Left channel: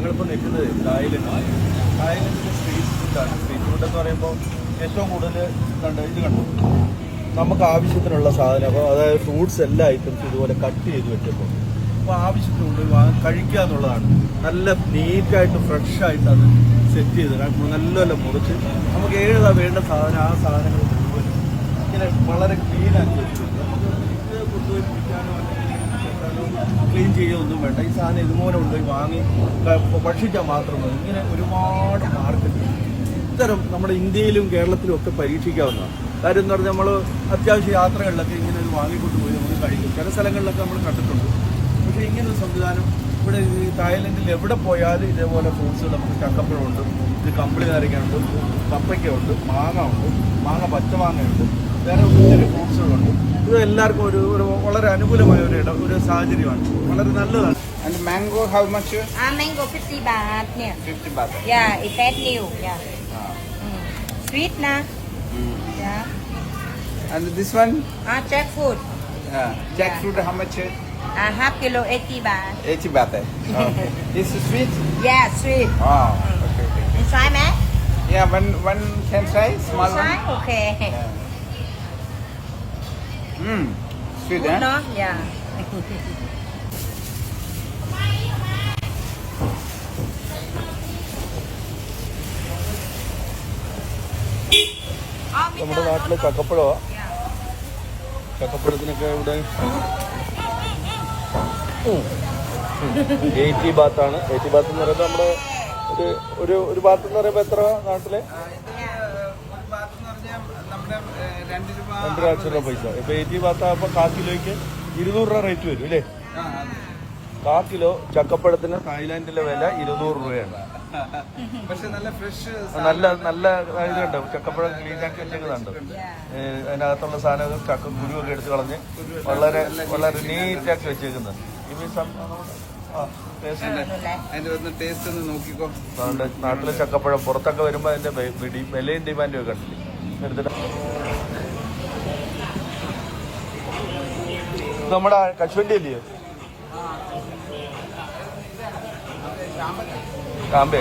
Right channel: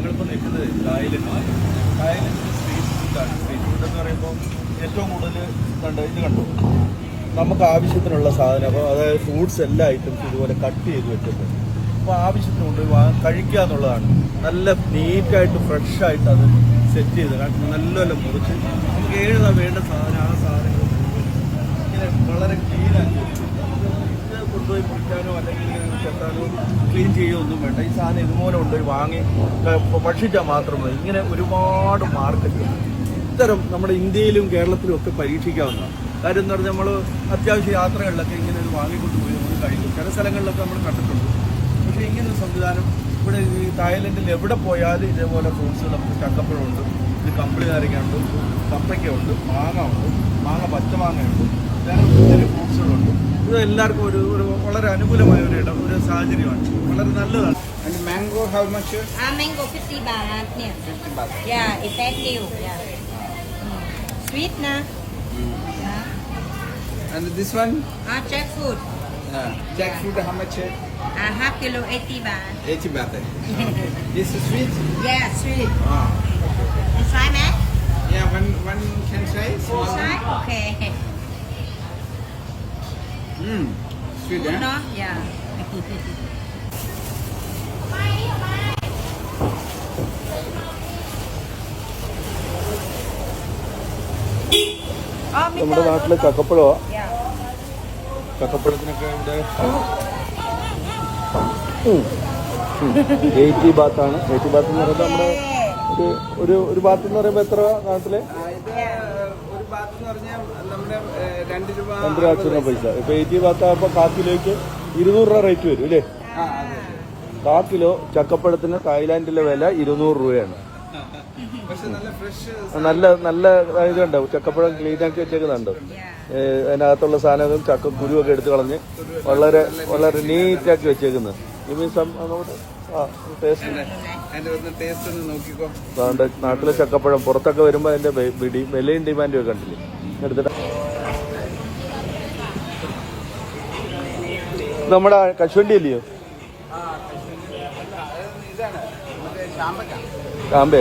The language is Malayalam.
ഞങ്ങളിപ്പോൾ നിൽക്കുന്നത് തായ്ലൻഡിലെ സ്ട്രീറ്റ് ഫുഡാണ്. സ്ട്രീറ്റ് ഫുഡ് എന്ന് പറയുമ്പോൾ ഏറ്റവും കൂടുതൽ ഇത് കണ്ടു നമുക്ക് ആവശ്യത്തിനുള്ള സാധനം. അപ്പോൾ അതായത് ഫ്രൂട്ട്സ് എല്ലാ ഐറ്റംസും ഇതുപോലെ കട്ട് ചെയ്ത് വെച്ചിട്ടുണ്ട്. അപ്പോൾ ആവശ്യത്തിന് കൊണ്ടുപോയി കഴിക്കുക എന്നുള്ളതാണ്. നല്ല നീറ്റായിട്ട് ഫ്രഷായിട്ട് അത് സെറ്റ് ചെയ്ത് നല്ല മുറിച്ച് നമുക്ക് ഏതാ വേണ്ട സാധനം ആ സാധനങ്ങൾ മുഴുവൻ ഇങ്ങനെ വളരെ ക്ലീനാക്കി വെച്ചിട്ടുണ്ട്. നമുക്ക് ഇത് കൊണ്ടുപോയി പിടിക്കാനോ അല്ലെങ്കിൽ ചെത്താനോ ക്ലീൻ ചെയ്യുകയൊന്നും വേണ്ട. ഈ സാധനം ഇതുപോലെ കൊണ്ടുപോയി വാങ്ങി ഭക്ഷിച്ചാൽ മാത്രം മതി. ഇങ്ങനെ ഒരുപാട് മാർക്കറ്റ് ഇത്തരം നമ്മുടെ ഇന്ത്യയിലും കേരളത്തിലും ഒക്കെ പരീക്ഷിക്കാവുന്നതാണ്. കാര്യം എന്ന് പറഞ്ഞാൽ നമ്മൾ അത്യാവശ്യ യാത്രകളിലൊക്കെ ഇങ്ങനെ ഒരു വാങ്ങിക്കൊണ്ടുപോയി നമ്മൾ കഴിക്കും. ചില സ്ഥലങ്ങളിലൊക്കെ നമ്മൾ കണ്ടിട്ടുണ്ട്. പക്ഷേ ഇങ്ങനൊരു സംവിധാനം ഇവിടെ ഈ തായ്ലൻഡിൽ എവിടെ പോയാലും ഇതേപോലെ ഫ്രൂട്ട്സുകൾ നമുക്ക് ചക്കപ്പഴമുണ്ട്, ഇത് കമ്പിളി നാരങ്ങയുണ്ട്, കപ്പയ്ക്കുണ്ട്, മാങ്ങ പച്ചമാങ്ങയുണ്ട്, വേറെ ഒത്തിരി ഫ്രൂട്ട്സുകളുണ്ട്. ഇത് എല്ലാവർക്കും ഒരു വളരെ അനുകൂലമായ ഒരു സാഹചര്യമാണ്. വളരെ നല്ലതാണ്. And mango, how much? Mango 50 baht. Yeah. 50 baht. Yeah, it's that new. Yeah. Sweet na. Yeah. And this one? Jackfruit. Jackfruit, how much? Half kilo 80 baht. 80 baht. Okay. This is sweet? Yeah, sweet. Okay. And try, man? Yeah, one can try, small Try? one. Okay. Sweet, Good, eh? no? Yeah. നമ്മുടെ നാട്ടിലെ ചക്കപ്പഴമോ? Yeah. ചക്കപ്പഴത്തിനൊക്കെ ഇവിടെ 80 ബാത്താണ്. Okay. ഒരു ബാത്ത് എന്ന് പറയുമ്പോൾ എത്ര നാട്ടില്? ഇത് ഒരു ബാത്ത് എന്ന് പറഞ്ഞാൽ നമ്മുടെ 2 രൂപ പൈസ. ഇപ്പൊ 80 ബാത്താകുമ്പോ 1/4 കിലോയ്ക്ക് 200 രൂപ റേറ്റ് വരും അല്ലേ? 1/4 കിലോ ചക്കപ്പഴത്തിന് തായ്ലാൻഡിലെ വില 200 രൂപയാണ്. പക്ഷെ നല്ല ഫ്രഷ് നല്ല ഇതുണ്ടാവും. ചക്കപ്പഴം നീറ്റാക്കി വെച്ചവരുണ്ട്. അതിനകത്തുള്ള സാധനങ്ങൾ ചക്കക്കുരുവൊക്കെ എടുത്ത് കളഞ്ഞ് വളരെ നീറ്റാക്കി വെച്ചേക്കുന്നു. അതിന്റെ ഒന്ന് ടേസ്റ്റ് ഒന്ന് നോക്കിക്കോ. നാട്ടിലെ ചക്കപ്പഴം പുറത്തൊക്കെ വരുമ്പോൾ അതിന്റെ വിലയും ഡിമാൻഡും ഒക്കെ ഉണ്ട്. നമ്മുടെ കശുവണ്ടി അല്ലയോ? അതെ.